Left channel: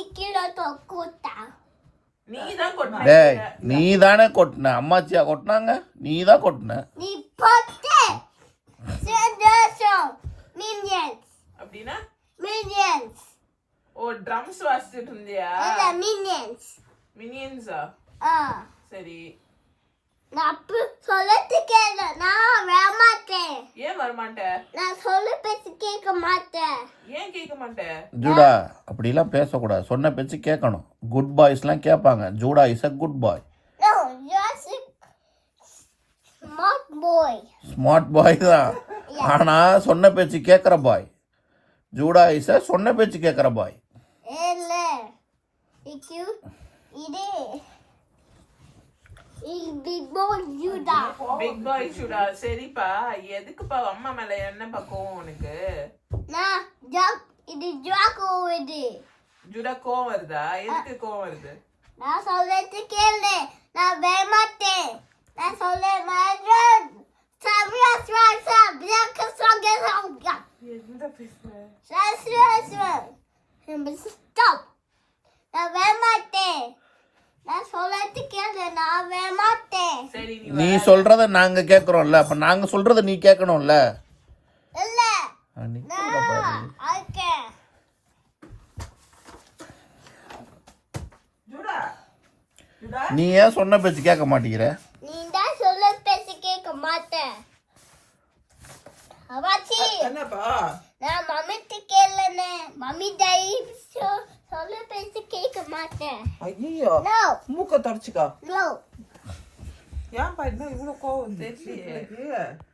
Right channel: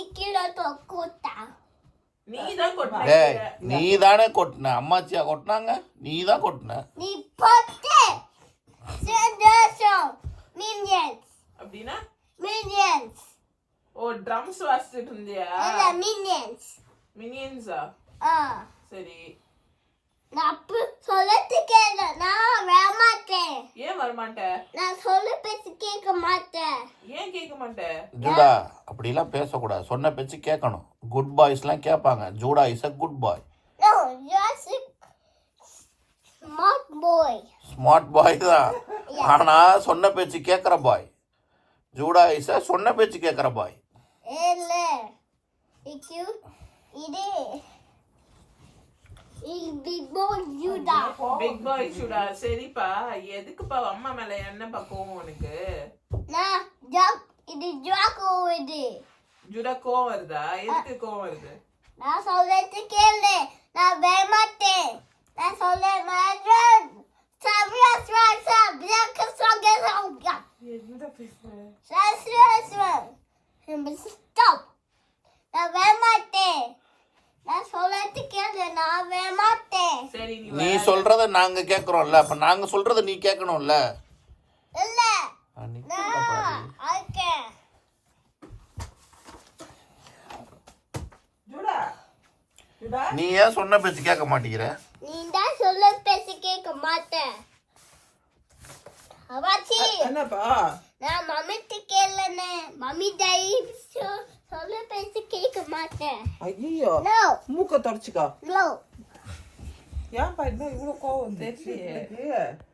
சொல்லிட்டு கீழே தொக்கூட்டா நீதான் கொட்டின டேய் நீ தானே கொட்டின, அம்மாச்சியா கொட்டினாங்க, நீ தான் கொட்டின. நீ போட்டு சந்தோஷம் மினியன்ஸ் அப்படின்னா மினியன்ஸ் ஓ ட்ரம்ஸ் வாசிச்சுட்டு இருந்தியா? இல்ல மினியன்ஸ் மினியன்ஸா? ஆ சரி, நான் அப்படி சொல்லிட்டு கேளு நான் வரமாட்டேன் ஏன் வரமாட்ட? நான் சொல்லி பேசி கேட்க மாட்டேன் ஏன் கேட்க மாட்ட? ஜூடா அப்படிலாம் பேசக்கூடாது, சொன்ன பேச்சு கேட்கணும். குட் பாய்ஸ்லாம் கேட்பாங்க. Judah is a good bye. No, you're a smart boy. Smart boy தான், ஆனா சொன்ன பேச்சு கேட்குற பாய். ஜூடா இஸ் அ சொன்ன பேச்சு கேட்குற பாய். இல்ல இது இது big boy Juda. Big boy சுடா. சரிப்பா, எதுக்குப்பா அம்மா மேல என்ன பக்கம் உனக்கு? நான் ஜாக் இது ஜாக்கோ இது ஜுடா கோவம் வருதா? எதுக்கு கோவம் வருது? நான் சொல்லிட்டு கேளு நான் வரமாட்டேன் நான் சொல்ல மாட்டேன் சாமியா சாசா பிளாக் சாகா என்ன பேசுற? சாசா ஸ்டாப் நான் வரமாட்டேன் நான் சொல்லிட்டு கேளு நான் வரமாட்டேன் சரி நீ சொல்றத நாங்க கேட்கறோம்ல, அப்ப நாங்க சொல்றத நீ கேட்கணும்ல. இல்ல நான் ஓகே ஜுடா ஜுடா நீ ஏன் சொன்ன பேச்சு கேட்க மாட்டேங்கிற? நீ தான் சொல்ல பேசி கேட்க மாட்டேன் அவாச்சி என்னப்பா? நான் மம்மிட்டு கேளனே மம்மி டாடி சொல்ல பேசி கேட்க மாட்டேன் ஐயோ நோ மூக்க தொடச்சுக்கோ. நோ ஏன்பா இன்னும் இவ்வளவு கோவம் தெரியலையே.